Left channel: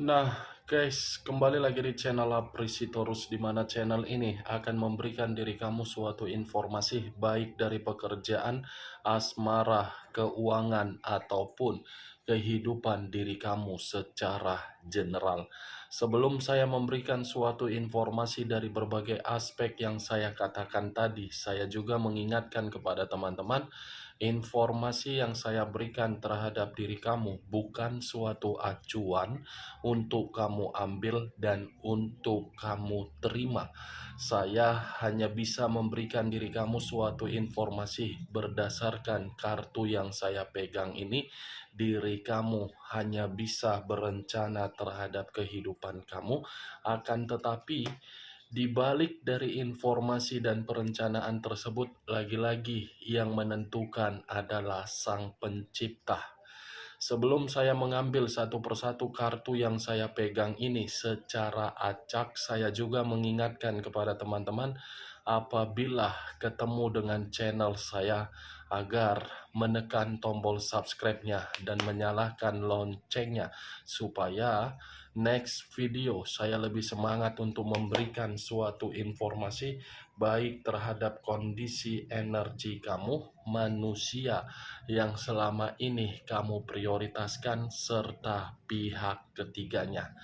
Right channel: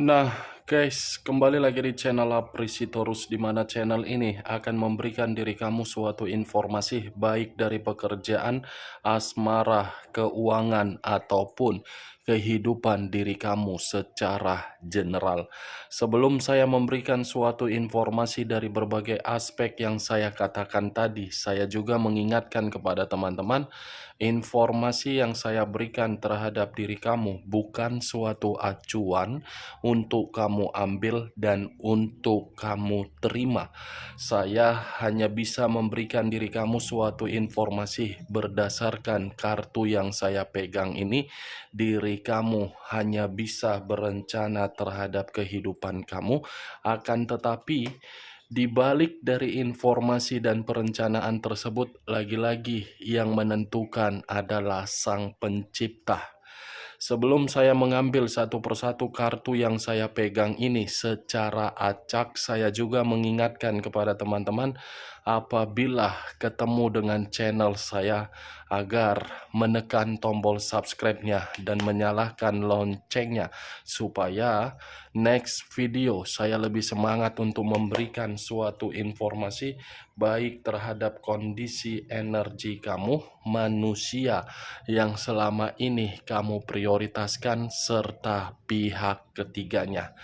Nah, guys, kembali lagi di channel Aprisitorus, di mana channel ini akan memberikan diri kamu suatu informasi baik dari pekerjaan, asmara, keuangan, ataupun kehidupan diri kamu secara general. Sebelum saya memberikan suatu informasi dari berbagai aspek yang saya katakan tadi, saya juga mengingatkan kepada teman-teman, informasi yang saya berikan terhadap diri kamu bukan suatu acuan untuk kamu ambil dan untuk kamu terima. Saya hanya bisa memberikan diri kamu suatu informasi berdasarkan kartu yang saya pegang ini. Diri kamu hanya bisa berencana terhadap kehidupan kamu, akan tetapi di balik dari informasi dan perencanaan tersebut, lagi-lagi yang menentukan adalah Sang Pencipta. Sebelum saya mengambil satu persatu kartu yang saya pegang ini secara acak, saya juga mengingatkan kepada teman-teman apabila ketemu dengan channel saya agar menekan tombol subscribe-nya dan menyalakan loncengnya supaya next video saya lebih semangat untuk memberikan suatu informasi baik terhadap kondisi energi kamu, manusia yang selama ini kamu prioritaskan, serta pihak ketiganya.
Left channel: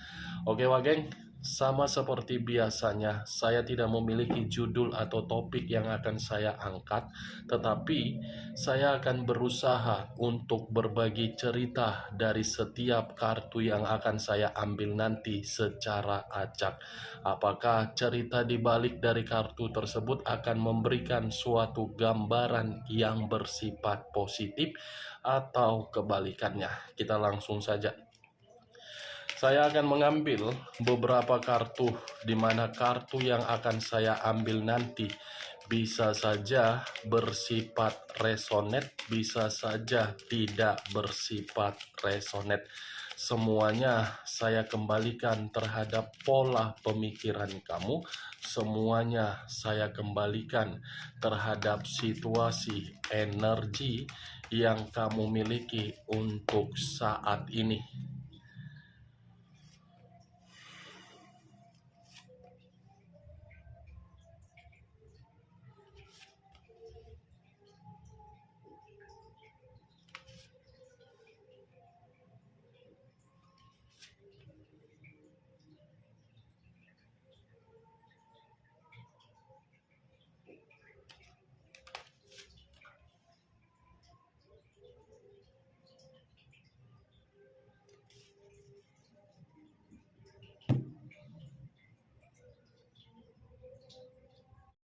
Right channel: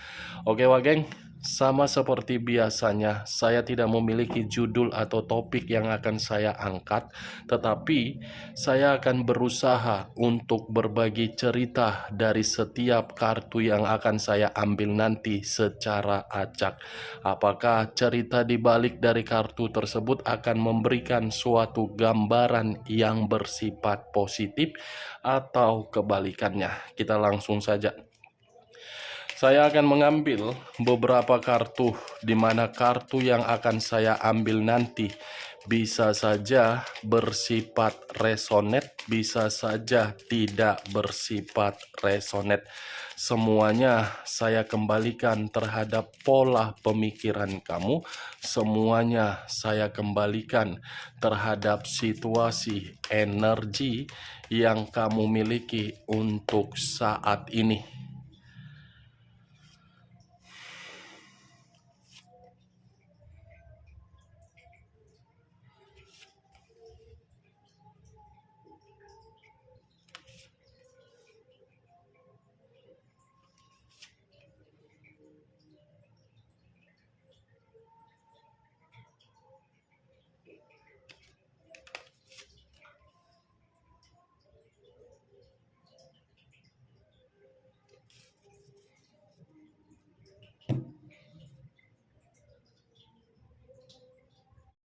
Oke, Wageng, sama seperti biasanya, saya tidak memiliki judul atau topik yang akan saya angkat, tetapi saya akan berusaha untuk berbagi cerita dari setiap kartu yang akan saya ambil nanti secara acak. Apakah cerita di balik dari kartu tersebut akan memberikan suatu gambaran yang bersifat positif atau kebalikannya? Kita langsung saja. Saya akan mengambil beberapa kartu, di mana kartu yang akan saya ambil nanti bisa saja bersifat resonate, bisa saja tidak bersifat resonate. Semuanya saya kembalikan terhadap pola pemikiran kamu, semuanya saya kembalikan terhadap situasi energi yang kamu miliki untuk saat ini.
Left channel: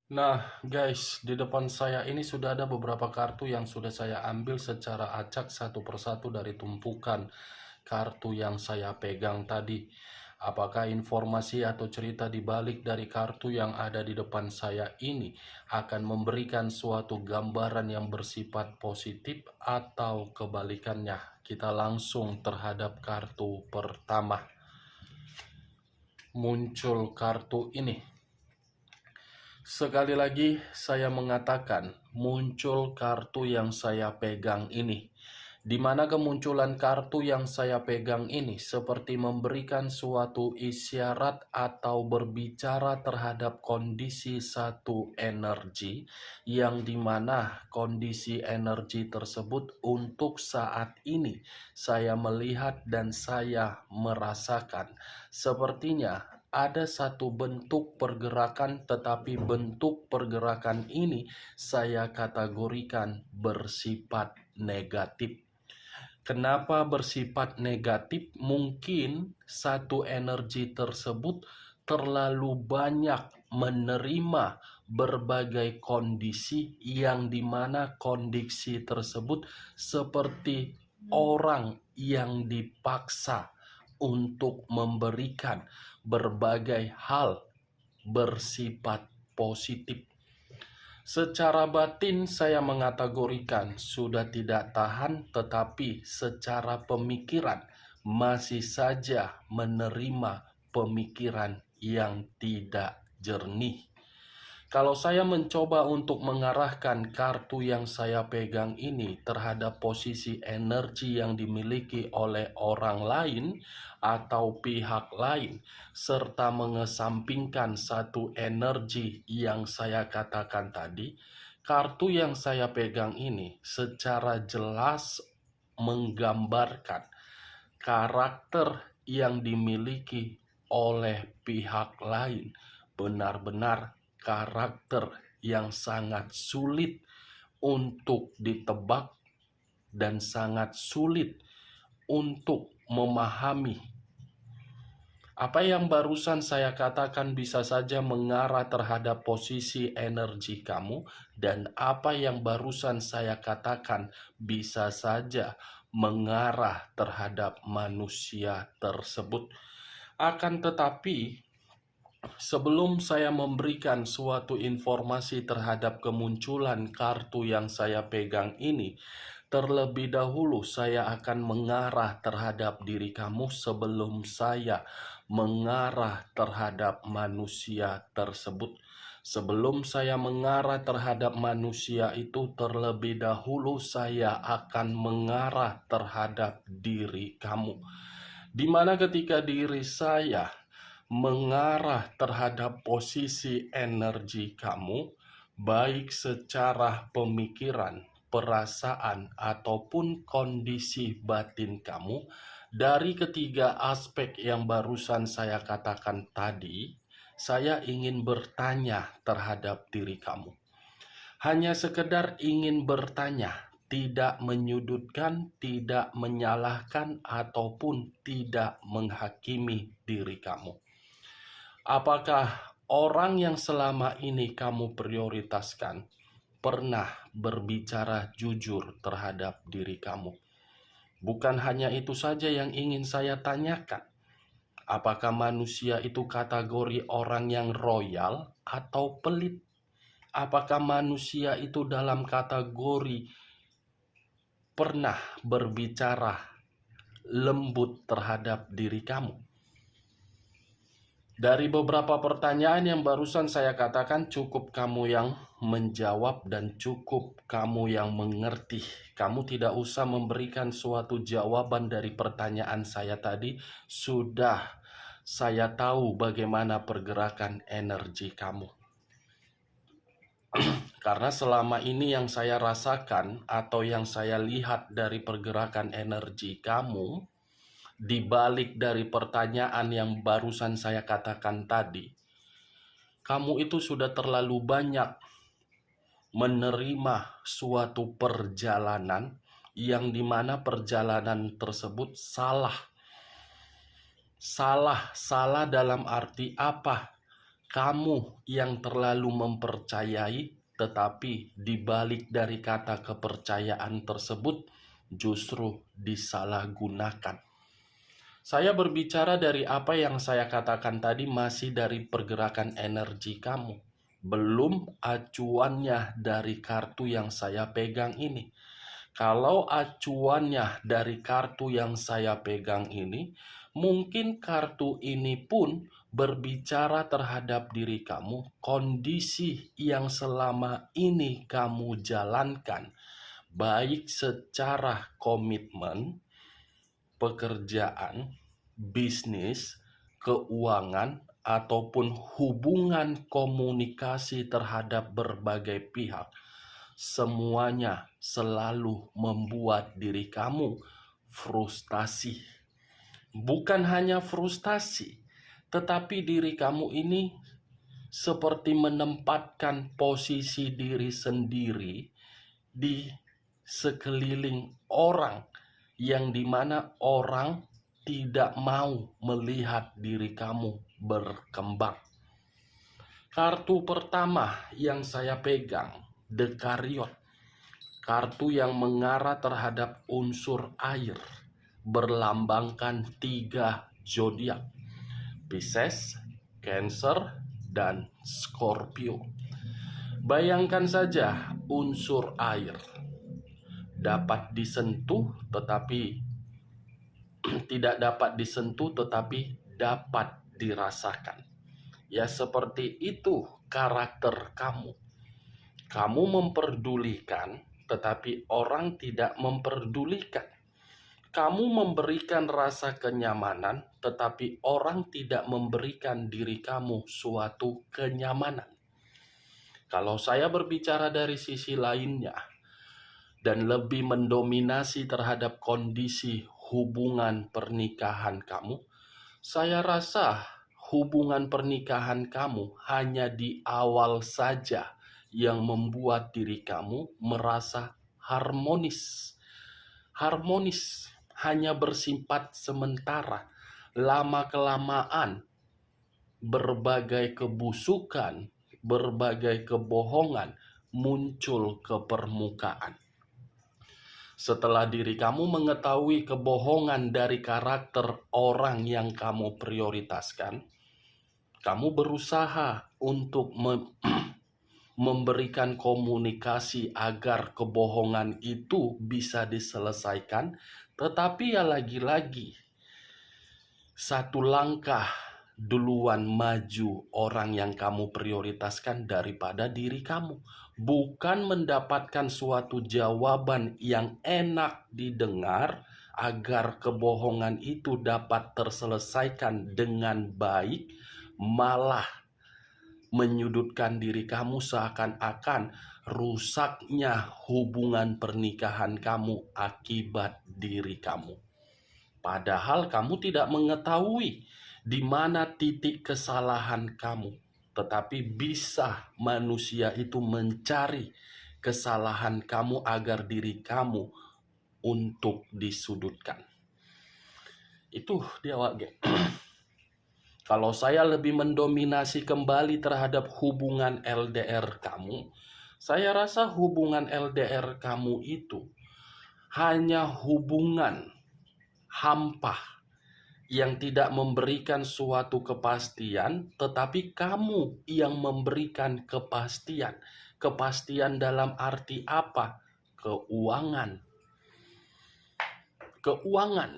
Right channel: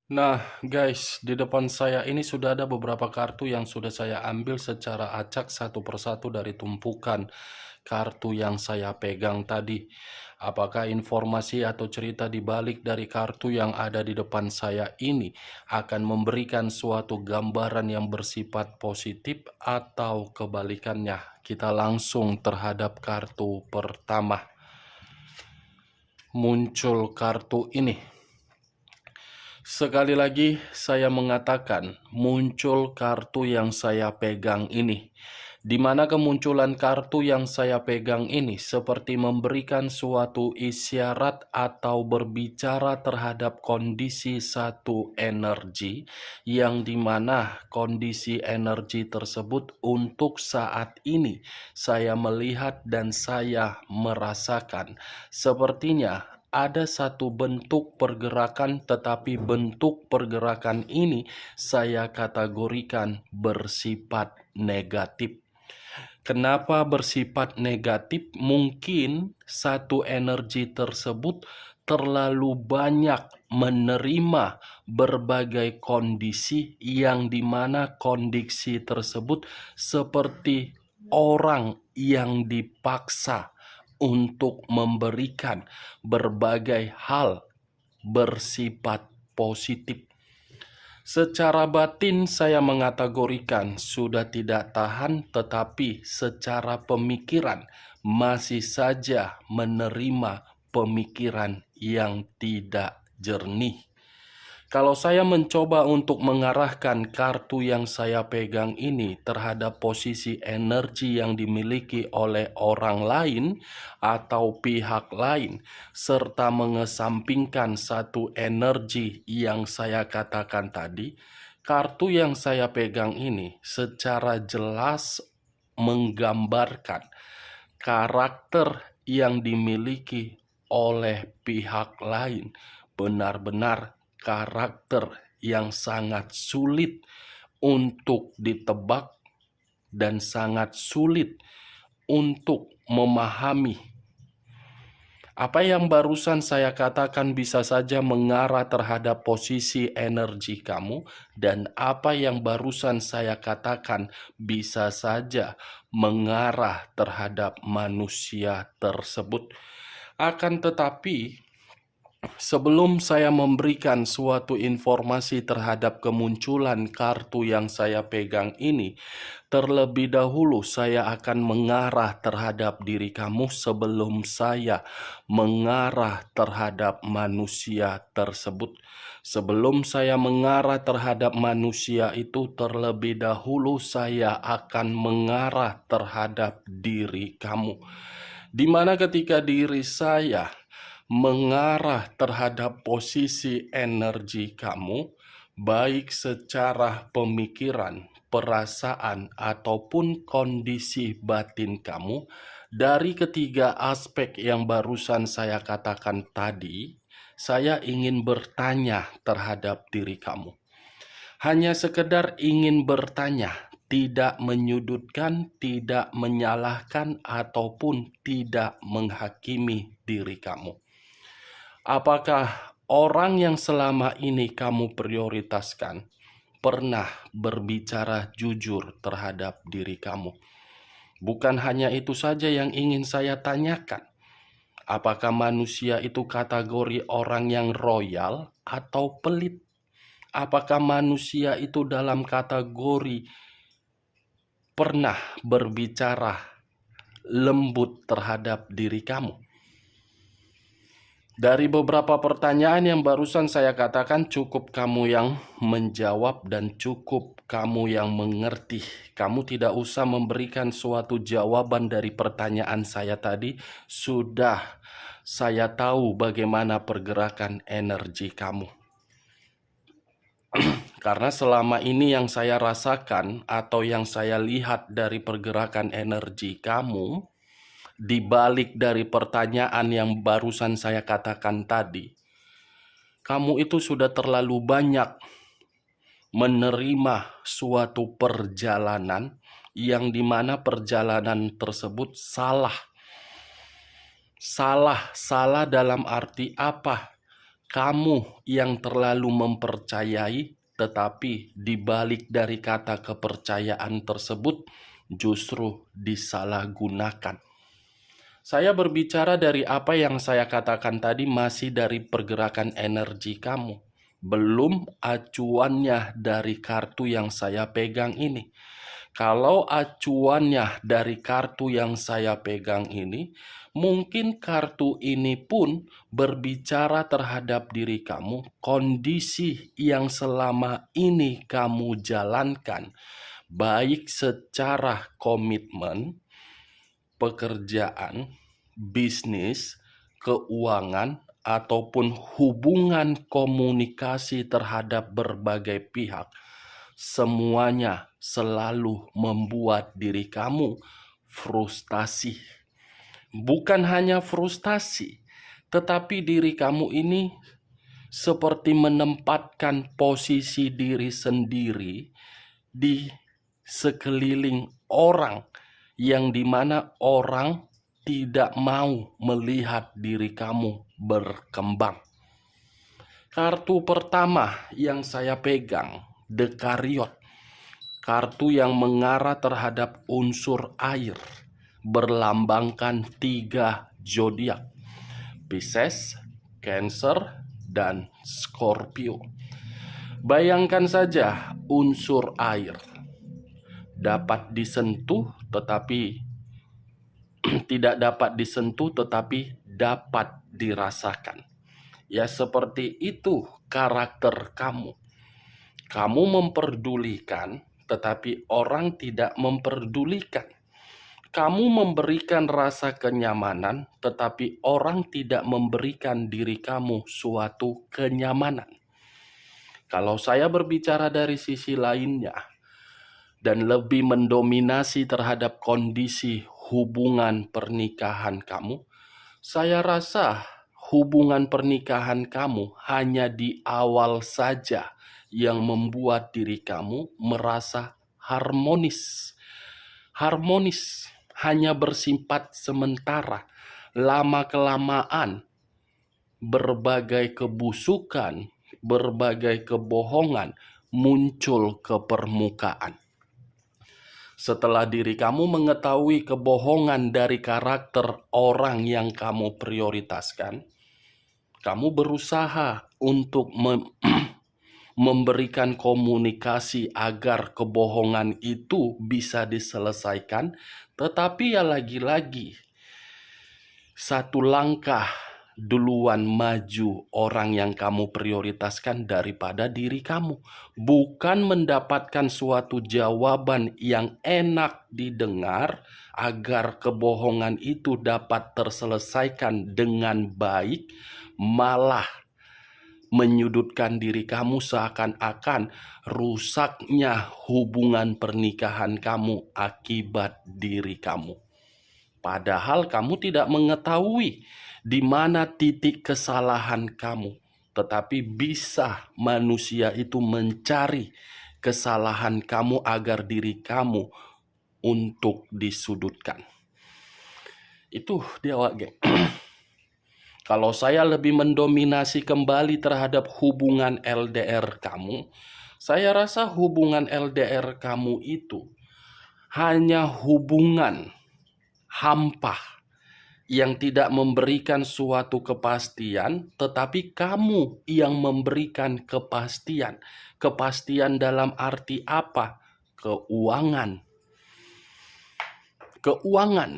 Nah, guys, di depan saya ini sudah ada beberapa kartu yang sudah saya ambil secara acak satu persatu dari tumpukan kartu yang saya pegang tadi. Apakah informasi atau cerita di balik dari kartu yang ada di depan saya ini akan memberikan suatu gambaran yang bersifat positif atau kebalikannya? Kita langsung terhadap kartu pertama. Muncul kartu ini. Sekali lagi saya mengatakan muncul kartu yang saya pegang ini. Di mana kemunculan kartu yang saya pegang ini seperti memberikan suatu isyarat atau berbicara terhadap kondisi satu energi yang dimana kondisi energi tersebut untuk saat ini saya melihat dan saya merasakan sepertinya ada satu bentuk pergerakan, tetapi bentuk pergerakan ini saya kategorikan bersifat negatif. Kenapa bersifat negatif? Mungkin satu energi tersebut terlalu banyak menerima berbagai kondisi yang dimana kondisi tersebut seperti orang yang dipaksa untuk memberikan berbagai hal bersifat positif. Secara batin saya mengategorikan sudah tidak tahan, tetapi secara pemikiran masih saja menerima pemikiran yang tidak jernih. Kalau saya mencoba untuk mengarahkan kartu yang saya pegang ini terhadap posisi energi yang dimiliki oleh orang lain atau pihak lain, serta mengesampingkan satu energi yang saya katakan tadi, kartu yang saya pegang ini secara jelas menggambarkan karakter yang dimiliki oleh pihak lain benar-benar karakter yang sangat sulit untuk ditebak dan sangat sulit untuk memahami. Apa yang barusan saya katakan bisa saja mengarah terhadap posisi energi kamu, dan apa yang barusan saya katakan bisa saja mengarah terhadap manusia tersebut. Akan tetapi, sebelum saya memberikan suatu informasi terhadap kemunculan kartu yang saya pegang ini, terlebih dahulu saya akan mengarah terhadap diri kamu sebelum saya mengarah terhadap manusia tersebut. Sebelum saya mengarah terhadap manusia itu, terlebih dahulu saya akan mengarah terhadap diri kamu. Di mana ketika diri saya mengarah terhadap posisi energi kamu, baik secara pemikiran, perasaan, ataupun kondisi batin kamu, dari ketiga aspek yang barusan saya katakan tadi, saya ingin bertanya terhadap diri kamu. Hanya sekedar ingin bertanya, tidak menyudutkan, tidak menyalahkan, ataupun tidak menghakimi diri kamu. Apakah orang yang selama ini kamu prioritaskan pernah berbicara jujur terhadap diri kamu? Bukan hanya itu saja yang ingin saya tanyakan. Apakah manusia itu kategori orang yang royal atau pelit? Apakah manusia itu dalam kategori pernah berbicara lembut terhadap diri kamu? Dari beberapa pertanyaan yang barusan saya katakan, cukup kamu yang menjawab dan cukup kamu yang mengerti. Kamu tidak usah memberikan suatu jawaban dari pertanyaan saya tadi. Sudah saya tahu bagaimana pergerakan energi kamu. Karena selama ini yang saya rasakan atau yang saya lihat dari pergerakan energi kamu, di balik dari pertanyaan yang barusan saya katakan tadi, kamu itu sudah terlalu banyak menerima suatu perjalanan yang dimana perjalanan tersebut salah. Salah dalam arti apa? Kamu yang terlalu mempercayai, tetapi di balik dari kata kepercayaan tersebut justru disalahgunakan. Saya berbicara dari apa yang saya katakan tadi, masih dari pergerakan energi kamu. Belum acuannya dari kartu yang saya pegang ini. Kalau acuannya dari kartu yang saya pegang ini, mungkin kartu ini pun berbicara terhadap diri kamu, kondisi yang selama ini kamu jalankan, baik secara komitmen, pekerjaan, bisnis, keuangan, ataupun hubungan komunikasi terhadap berbagai pihak, semuanya selalu membuat diri kamu frustasi. Bukan hanya frustasi, tetapi diri kamu ini seperti menempatkan posisi diri sendiri di sekeliling orang, yang dimana orang tidak mau melihat diri kamu berkembang. Kartu pertama yang saya pegang, The Chariot. Kartu yang mengarah terhadap unsur air, berlambangkan 3 zodiak: Pisces, Cancer, dan Scorpio. Bayangkan saja unsur air dapat disentuh tetapi tidak dapat disentuh tetapi dapat dirasakan. Ya, seperti itu karakter kamu. Kamu memperdulikan, tetapi orang tidak memperdulikan. Kamu memberikan rasa kenyamanan, tetapi orang tidak memberikan diri kamu suatu kenyamanan. Kalau saya berbicara dari sisi lainnya, dan lebih mendominasi terhadap kondisi hubungan pernikahan kamu, saya rasa hubungan pernikahan kamu hanya di awal saja yang membuat diri kamu merasa harmonis. Harmonis hanya bersifat sementara. Lama-kelamaan, berbagai kebusukan, berbagai kebohongan muncul ke permukaan. Setelah diri kamu mengetahui kebohongan dari karakter orang yang kamu prioritaskan, kamu berusaha untuk memberikan komunikasi agar kebohongan itu bisa diselesaikan, tetapi ya lagi-lagi satu langkah duluan maju orang yang kamu prioritaskan daripada diri kamu. Bukan mendapatkan suatu jawaban yang enak didengar agar kebohongan itu dapat terselesaikan dengan baik, malah menyudutkan diri kamu seakan-akan rusaknya hubungan pernikahan kamu akibat diri kamu. Padahal kamu tidak mengetahui di mana titik kesalahan kamu, tetapi bisa manusia itu mencari kesalahan kamu agar diri kamu untuk disudutkan. Itu dia, geng. Kalau saya lebih mendominasi kembali terhadap hubungan LDR kamu, saya rasa hubungan LDR kamu itu hanya hubungan hampa yang tidak memberikan suatu kepastian, tetapi kamu yang memberikan kepastian. Kepastian dalam arti apa? Keuangan. Keuangan.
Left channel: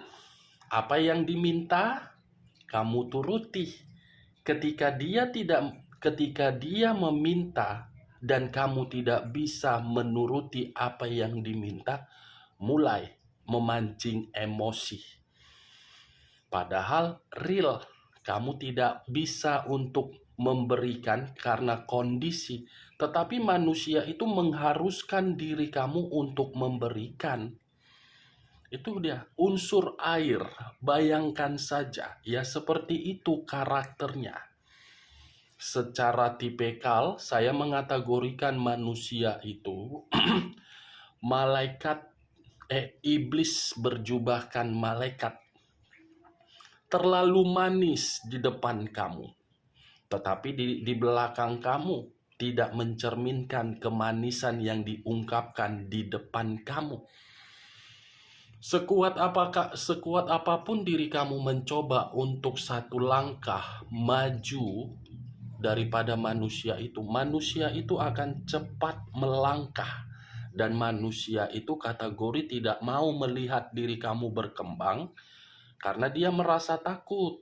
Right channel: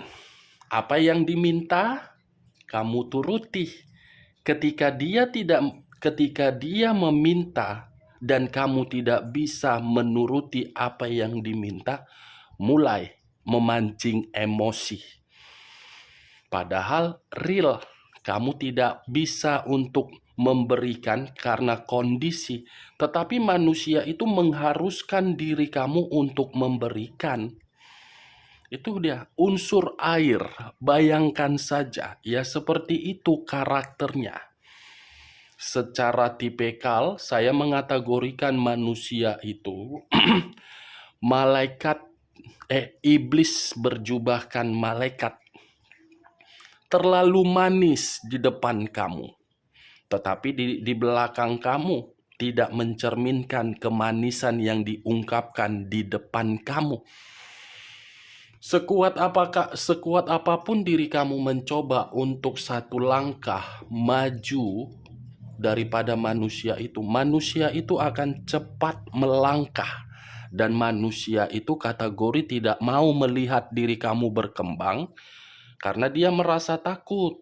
Apa yang diminta, kamu turuti. Ketika dia meminta dan kamu tidak bisa menuruti apa yang diminta, mulai memancing emosi. Padahal real, kamu tidak bisa untuk memberikan karena kondisi, tetapi manusia itu mengharuskan diri kamu untuk memberikan. Itu dia, unsur air. Bayangkan saja, ya seperti itu karakternya. Secara tipikal, saya mengategorikan manusia itu iblis berjubahkan malaikat. Terlalu manis di depan kamu, tetapi di belakang kamu tidak mencerminkan kemanisan yang diungkapkan di depan kamu. Sekuat apapun diri kamu mencoba untuk satu langkah maju daripada manusia itu akan cepat melangkah. Dan manusia itu kategori tidak mau melihat diri kamu berkembang karena dia merasa takut.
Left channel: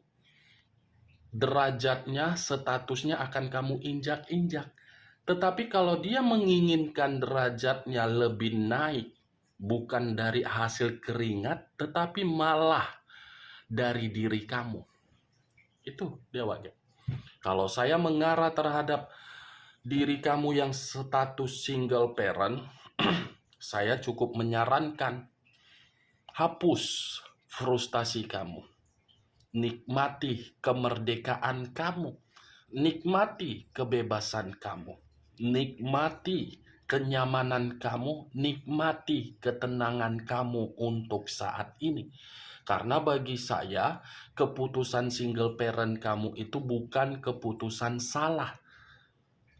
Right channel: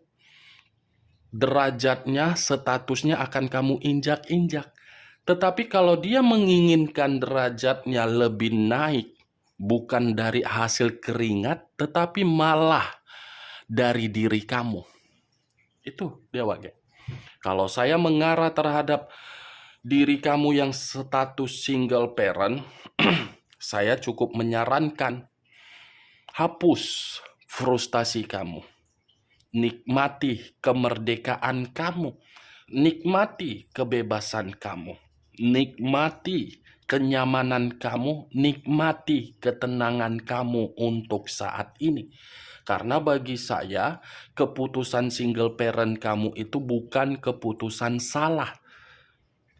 Derajatnya, statusnya akan kamu injak-injak. Tetapi kalau dia menginginkan derajatnya lebih naik, bukan dari hasil keringat, tetapi malah dari diri kamu. Itu dia, Wage. Kalau saya mengarah terhadap diri kamu yang status single parent, saya cukup menyarankan, hapus frustasi kamu. Nikmati kemerdekaan kamu. Nikmati kebebasan kamu. Nikmati kenyamanan kamu. Nikmati ketenangan kamu untuk saat ini. Karena bagi saya, keputusan single parent kamu itu bukan keputusan salah.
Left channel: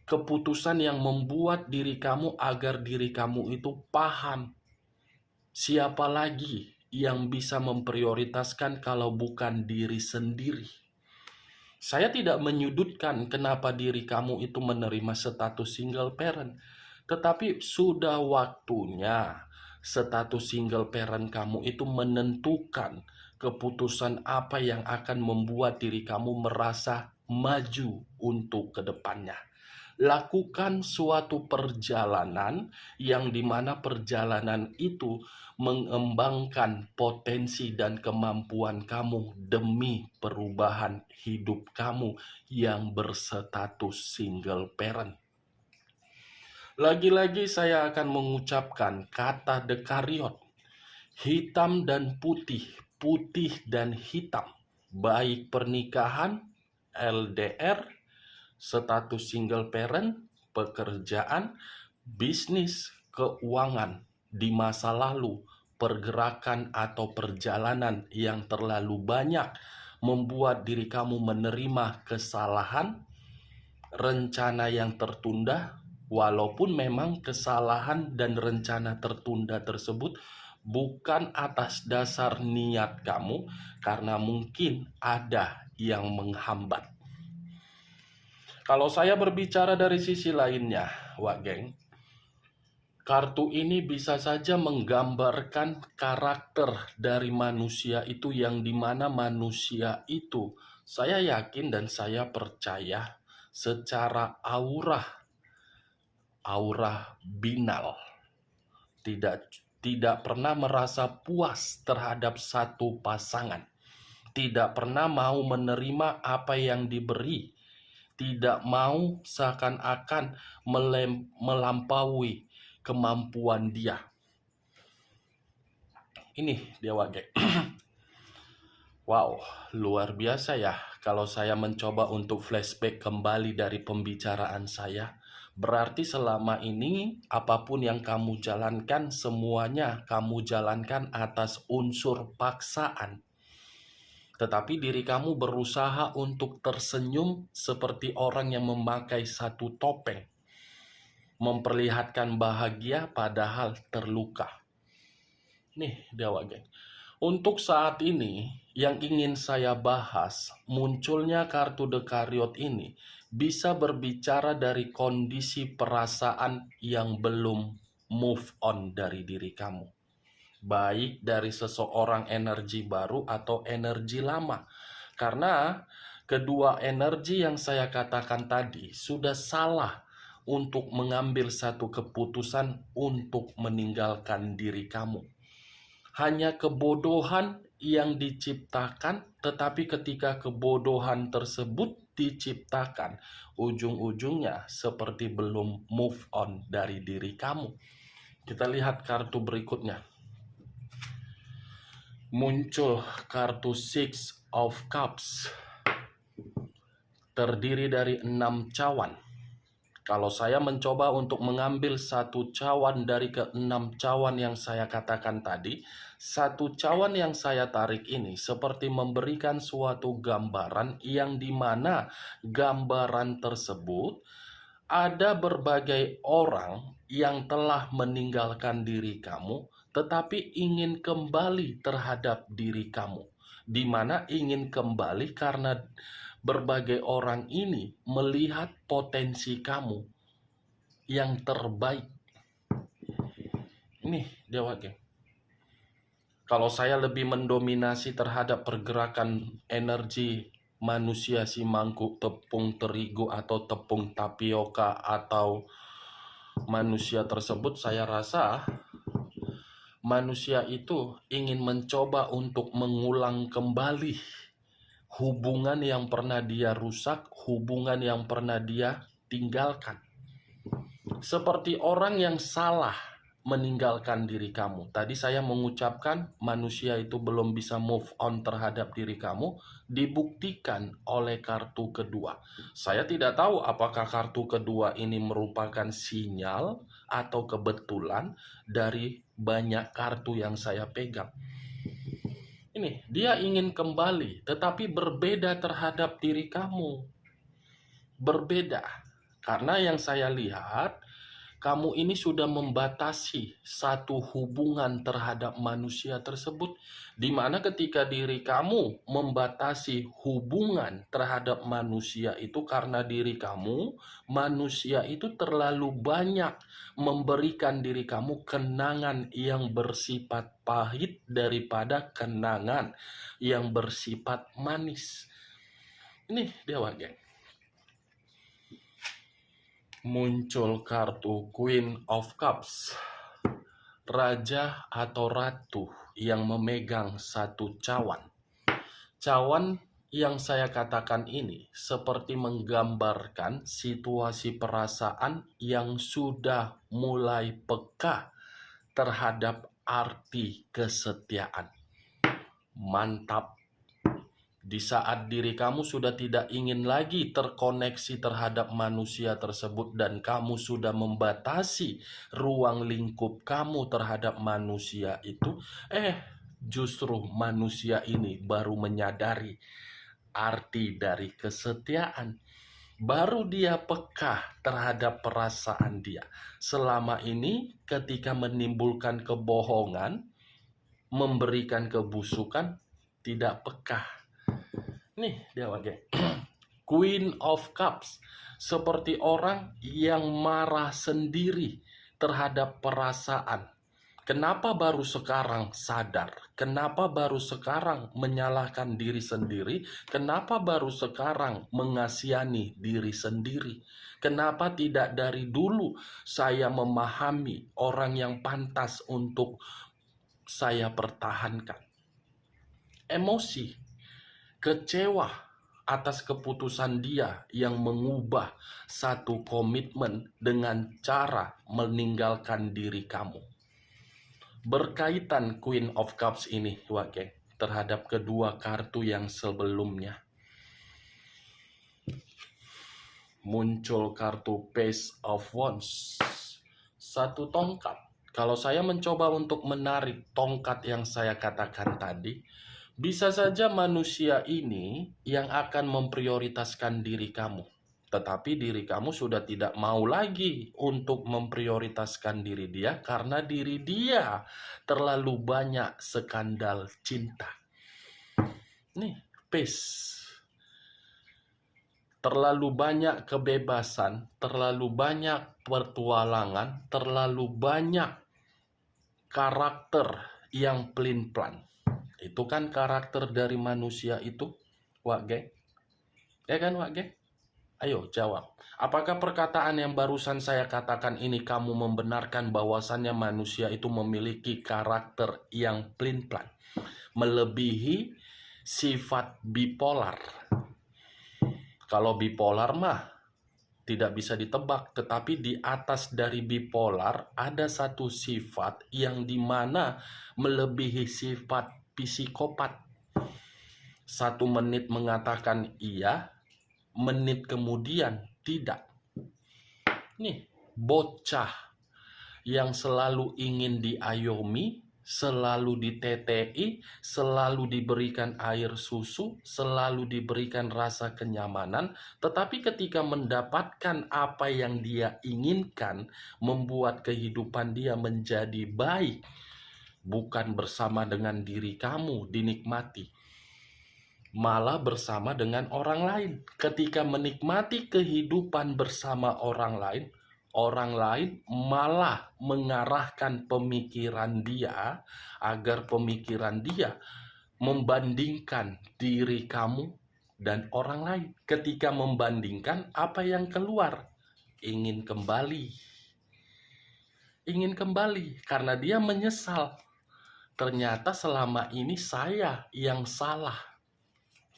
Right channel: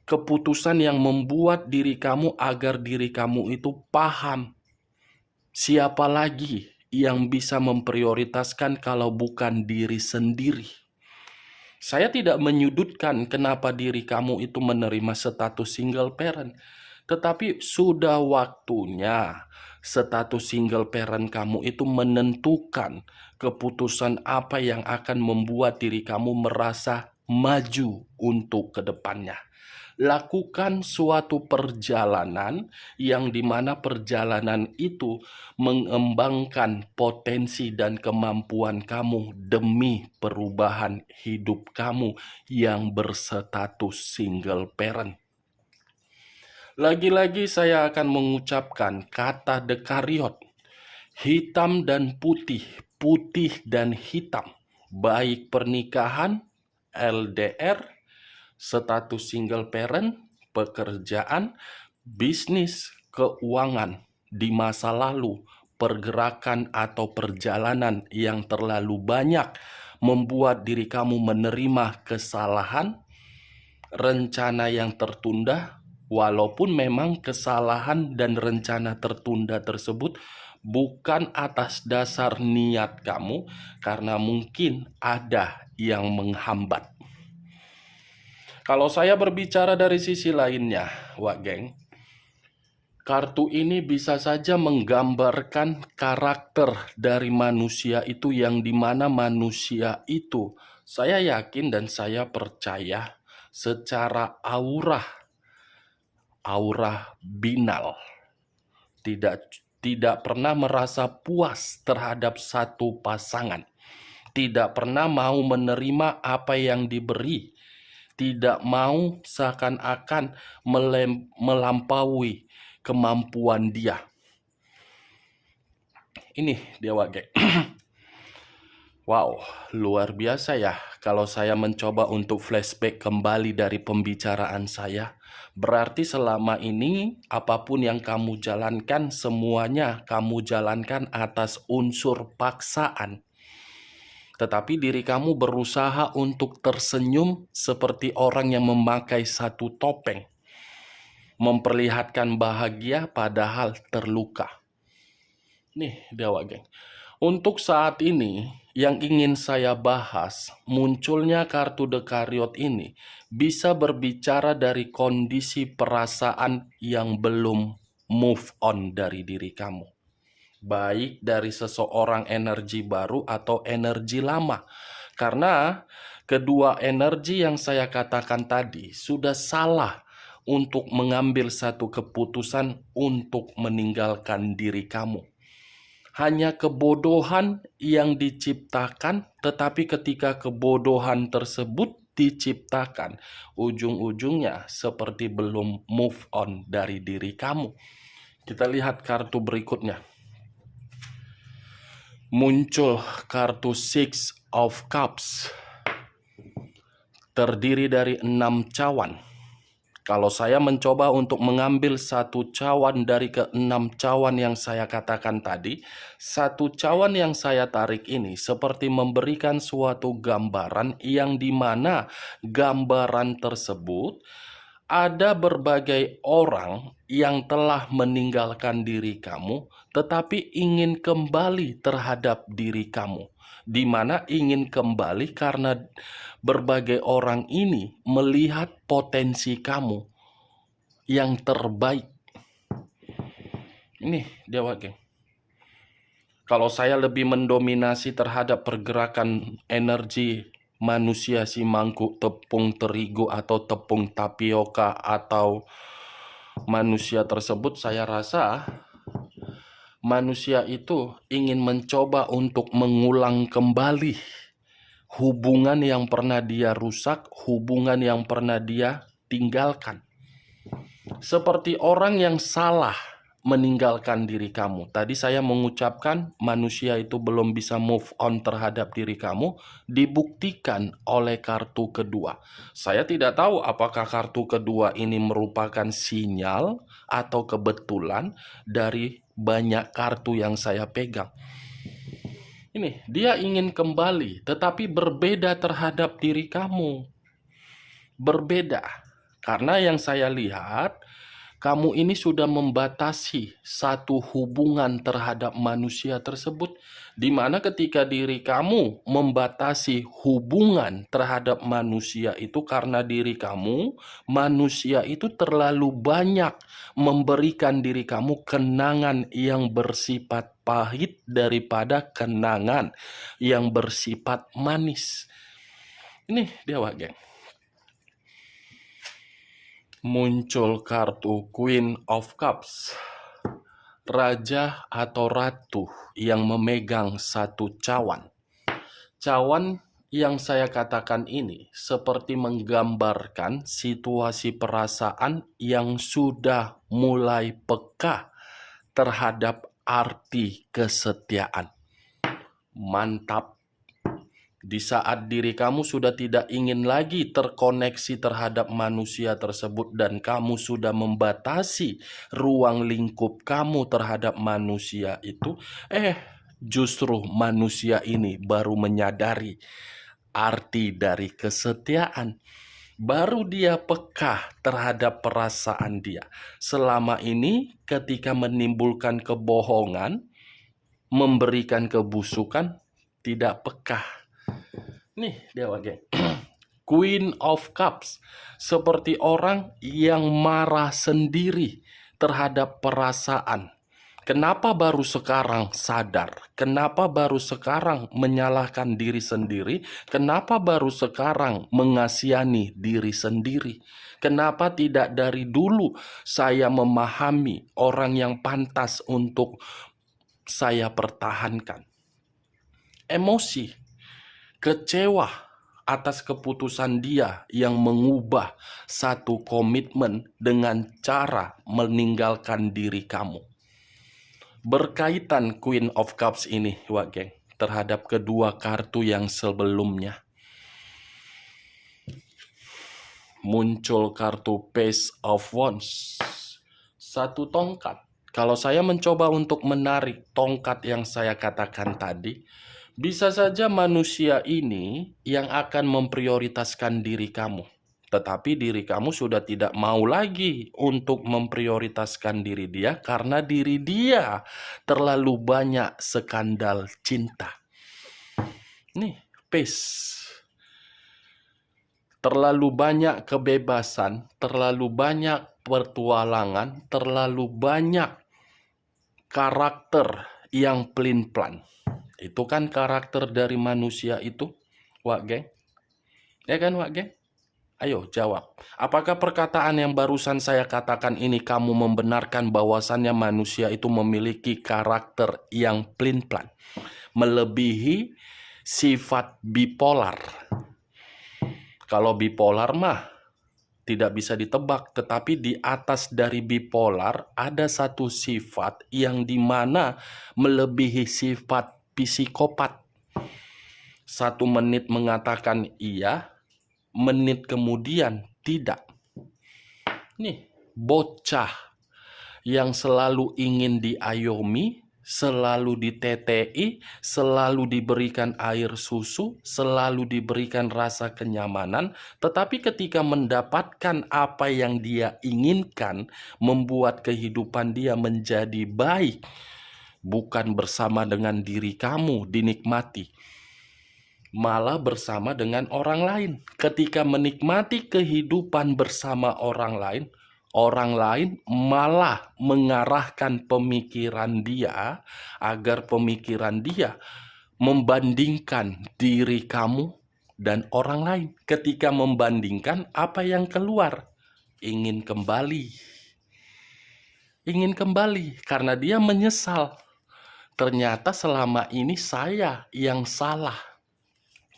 Keputusan yang membuat diri kamu agar diri kamu itu paham siapa lagi yang bisa memprioritaskan kalau bukan diri sendiri. Saya tidak menyudutkan kenapa diri kamu itu menerima status single parent, tetapi sudah waktunya status single parent kamu itu menentukan keputusan apa yang akan membuat diri kamu merasa maju untuk kedepannya. Lakukan suatu perjalanan yang dimana perjalanan itu mengembangkan potensi dan kemampuan kamu demi perubahan hidup kamu yang berstatus single parent. Lagi-lagi saya akan mengucapkan kata dekariot, hitam dan putih, putih dan hitam, baik pernikahan, LDR, status single parent, pekerjaan, bisnis, keuangan, di masa lalu, pergerakan atau perjalanan yang terlalu banyak membuat diri kamu menerima kesalahan, rencana yang tertunda, walaupun memang kesalahan dan rencana tertunda tersebut bukan atas dasar niat kamu, karena mungkin ada yang menghambat. Kalau saya berbicara dari sisi lainnya, Wak Geng, kartu ini bisa saja menggambarkan karakter dari manusia itu, yang dimana manusia itu, saya yakin dan saya percaya secara aura binal, tidak pernah merasa puas terhadap satu pasangan, tidak pernah mau menerima apa yang diberi, tidak mau seakan-akan melampaui kemampuan dia. Ini dia Wage. Wow, luar biasa ya. Kalau saya mencoba untuk flashback kembali dari pembicaraan saya, berarti selama ini apapun yang kamu jalankan, semuanya kamu jalankan atas unsur paksaan. Tetapi diri kamu berusaha untuk tersenyum seperti orang yang memakai satu topeng, memperlihatkan bahagia padahal terluka. Nih Dewa Geng, untuk saat ini yang ingin saya bahas, munculnya kartu dekariot ini bisa berbicara dari kondisi perasaan yang belum move on dari diri kamu, baik dari seseorang energi baru atau energi lama. Karena kedua energi yang saya katakan tadi sudah salah untuk mengambil satu keputusan untuk meninggalkan diri kamu. Hanya kebodohan yang diciptakan, tetapi ketika kebodohan tersebut diciptakan, ujung-ujungnya seperti belum move on dari diri kamu. Kita lihat kartu berikutnya. Muncul kartu Six of Cups, terdiri dari 6 cawan. Kalau saya mencoba untuk mengambil satu cawan dari ke-6 cawan yang saya katakan tadi, satu cawan yang saya tarik ini seperti memberikan suatu gambaran yang dimana gambaran tersebut ada berbagai orang yang telah meninggalkan diri kamu, tetapi ingin kembali terhadap diri kamu. Di mana ingin kembali karena berbagai orang ini melihat potensi kamu yang terbaik. Ini Dewa Geng. Kalau saya lebih mendominasi terhadap pergerakan energi manusia si mangkuk tepung terigu atau tepung tapioka atau manusia tersebut, saya rasa manusia itu ingin mencoba untuk mengulang kembali hubungan yang pernah dia rusak, hubungan yang pernah dia tinggalkan. Seperti orang yang salah meninggalkan diri kamu. Tadi saya mengucapkan manusia itu belum bisa move on terhadap diri kamu, dibuktikan oleh kartu kedua. Saya tidak tahu apakah kartu kedua ini merupakan sinyal atau kebetulan dari banyak kartu yang saya pegang. Ini, dia ingin kembali, tetapi berbeda terhadap diri kamu. Berbeda. Karena yang saya lihat, kamu ini sudah membatasi satu hubungan terhadap manusia tersebut, di mana ketika diri kamu membatasi hubungan terhadap manusia itu karena diri kamu, manusia itu terlalu banyak memberikan diri kamu kenangan yang bersifat pahit daripada kenangan yang bersifat manis. Ini Dewa Geng. muncul kartu Queen of Cups. Raja atau ratu yang memegang satu cawan. Cawan yang saya katakan ini seperti menggambarkan situasi perasaan yang sudah mulai peka terhadap arti kesetiaan. Mantap. Di saat diri kamu sudah tidak ingin lagi terkoneksi terhadap manusia tersebut dan kamu sudah membatasi ruang lingkup kamu terhadap manusia itu, justru manusia ini baru menyadari arti dari kesetiaan. Baru dia peka terhadap perasaan dia. Selama ini ketika menimbulkan kebohongan, memberikan kebusukan, tidak peka. Nih dia pakai Queen of Cups, seperti orang yang marah sendiri terhadap perasaan. Kenapa baru sekarang sadar? Kenapa baru sekarang menyalahkan diri sendiri? Kenapa baru sekarang mengasihani diri sendiri? Kenapa tidak dari dulu saya memahami orang yang pantas untuk saya pertahankan? Emosi, kecewa atas keputusan dia yang mengubah satu komitmen dengan cara meninggalkan diri kamu. Berkaitan Queen of Cups ini, Wak Geng, terhadap kedua kartu yang sebelumnya. Muncul kartu Page of Wands. Satu tongkat. Kalau saya mencoba untuk menarik tongkat yang saya katakan tadi, bisa saja manusia ini yang akan memprioritaskan diri kamu. Tetapi diri kamu sudah tidak mau lagi untuk memprioritaskan diri dia karena diri dia terlalu banyak skandal cinta. Nih, peace. Terlalu banyak kebebasan, terlalu banyak petualangan, terlalu banyak karakter yang pelin-pelan. Itu kan karakter dari manusia itu, Wak Geng. Ya kan, Wak Geng? Ayo jawab. Apakah perkataan yang barusan saya katakan ini kamu membenarkan bahwasannya manusia itu memiliki karakter yang pelin-pelan, melebihi sifat bipolar? Kalau bipolar mah tidak bisa ditebak, tetapi di atas dari bipolar ada satu sifat yang dimana melebihi sifat psikopat. 1 menit mengatakan iya, menit kemudian tidak. Nih, bocah yang selalu ingin diayomi, selalu ditetei, selalu diberikan air susu, selalu diberikan rasa kenyamanan, tetapi ketika mendapatkan apa yang dia inginkan, membuat kehidupan dia menjadi baik, bukan bersama dengan diri kamu dinikmati, malah bersama dengan orang lain. Ketika menikmati kehidupan bersama orang lain malah mengarahkan pemikiran dia agar pemikiran dia membandingkan diri kamu dan orang lain. Ketika membandingkan, apa yang keluar? Ingin kembali karena dia menyesal. Ternyata selama ini saya yang salah.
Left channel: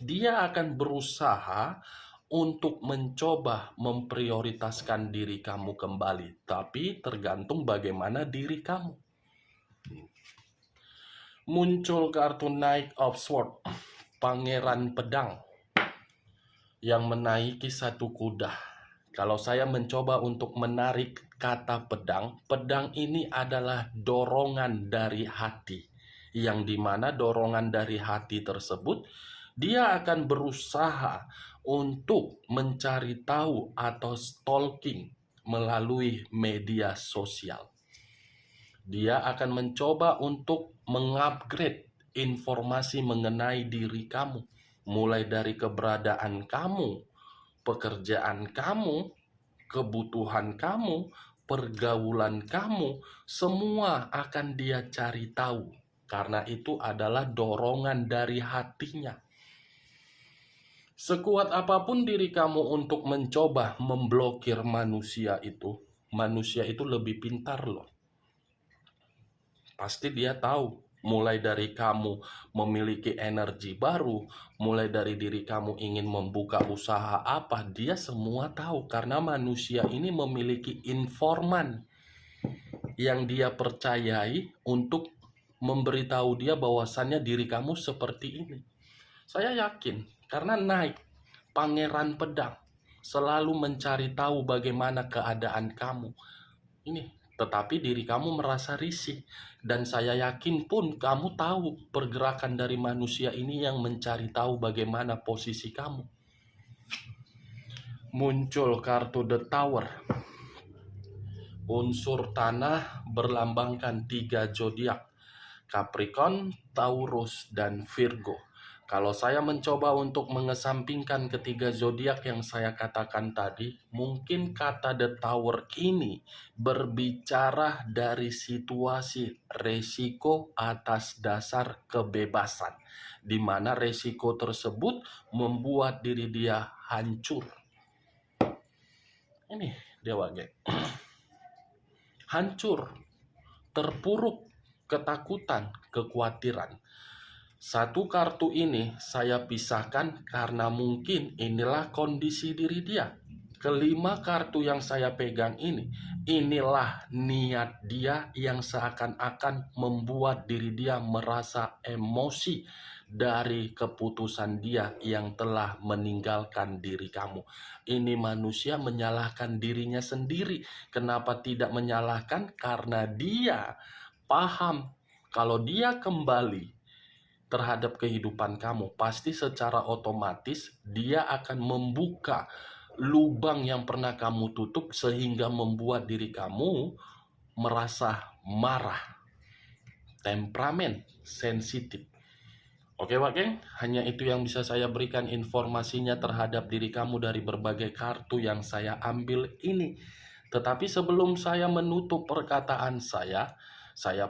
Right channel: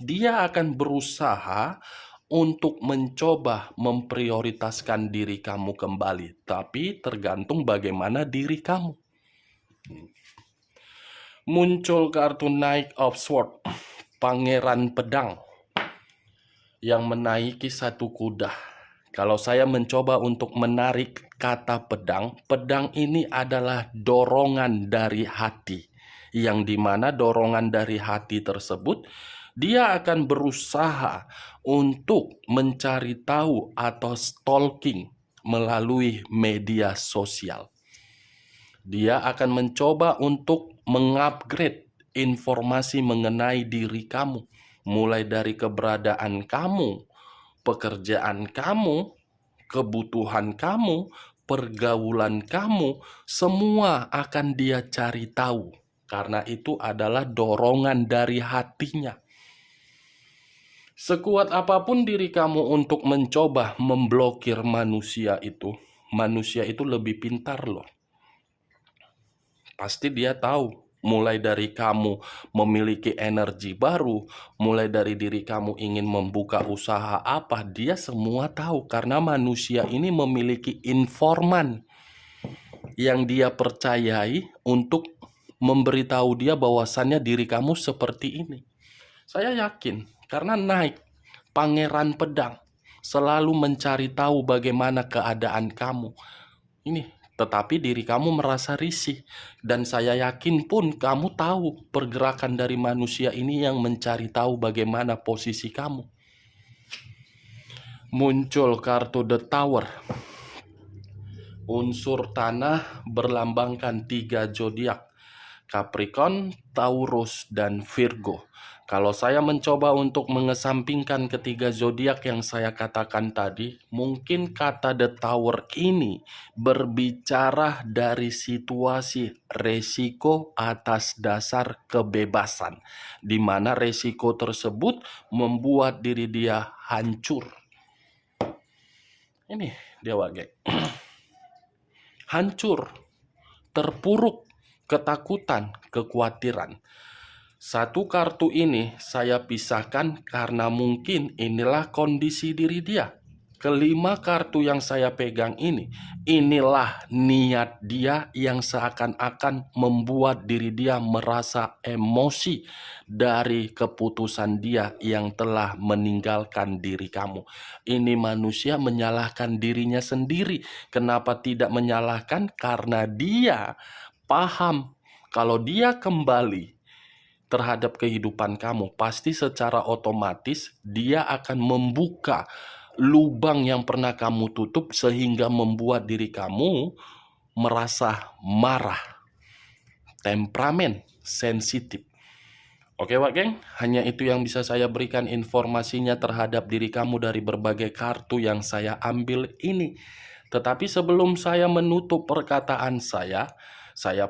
Dia akan berusaha untuk mencoba memprioritaskan diri kamu kembali, tapi tergantung bagaimana diri kamu. Muncul kartu Knight of Swords, Pangeran Pedang yang menaiki satu kuda. Kalau saya mencoba untuk menarik kata pedang, pedang ini adalah dorongan dari hati, yang dimana dorongan dari hati tersebut dia akan berusaha untuk mencari tahu atau stalking melalui media sosial. Dia akan mencoba untuk mengupgrade informasi mengenai diri kamu, mulai dari keberadaan kamu, pekerjaan kamu, kebutuhan kamu, pergaulan kamu, semua akan dia cari tahu. Karena itu adalah dorongan dari hatinya. Sekuat apapun diri kamu untuk mencoba memblokir manusia itu lebih pintar loh. Pasti dia tahu, mulai dari kamu memiliki energi baru, mulai dari diri kamu ingin membuka usaha apa, dia semua tahu karena manusia ini memiliki informan yang dia percayai untuk memberitahu dia bahwasannya diri kamu seperti ini. Saya yakin karena naik Pangeran Pedang selalu mencari tahu bagaimana keadaan kamu. Ini, tetapi diri kamu merasa risih. Dan saya yakin pun kamu tahu pergerakan dari manusia ini yang mencari tahu bagaimana posisi kamu. Muncul kartu The Tower. Unsur tanah berlambangkan 3 zodiak: Capricorn, Taurus, dan Virgo. Kalau saya mencoba untuk mengesampingkan ketiga zodiak yang saya katakan tadi, mungkin kata The Tower ini berbicara dari situasi resiko atas dasar kebebasan, di mana resiko tersebut membuat diri dia hancur. Ini dia wage. Hancur, terpuruk, ketakutan, kekhawatiran. Satu kartu ini saya pisahkan karena mungkin inilah kondisi diri dia. Kelima kartu yang saya pegang ini, inilah niat dia yang seakan-akan membuat diri dia merasa emosi dari keputusan dia yang telah meninggalkan diri kamu. Ini manusia menyalahkan dirinya sendiri. Kenapa tidak menyalahkan? Karena dia paham kalau dia kembali terhadap kehidupan kamu, pasti secara otomatis dia akan membuka lubang yang pernah kamu tutup sehingga membuat diri kamu merasa marah, temperamen, sensitif. Oke Wak Geng, hanya itu yang bisa saya berikan informasinya terhadap diri kamu dari berbagai kartu yang saya ambil ini. Tetapi sebelum saya menutup perkataan saya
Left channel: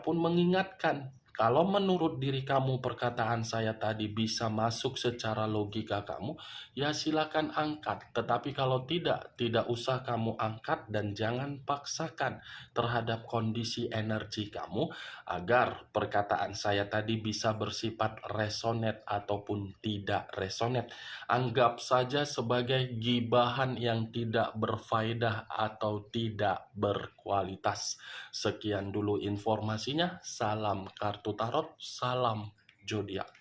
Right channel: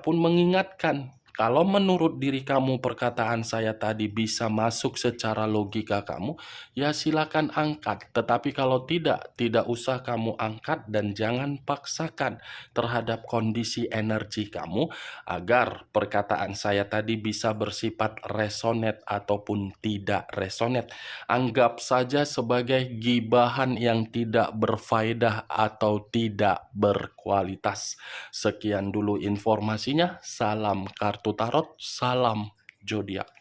pun mengingatkan, kalau menurut diri kamu perkataan saya tadi bisa masuk secara logika kamu, ya silakan angkat. Tetapi kalau tidak usah kamu angkat dan jangan paksakan terhadap kondisi energi kamu agar perkataan saya tadi bisa bersifat resonate ataupun tidak resonate. Anggap saja sebagai gibahan yang tidak berfaedah atau tidak berkualitas. Sekian dulu informasinya. Salam kartu tarot, salam zodiak.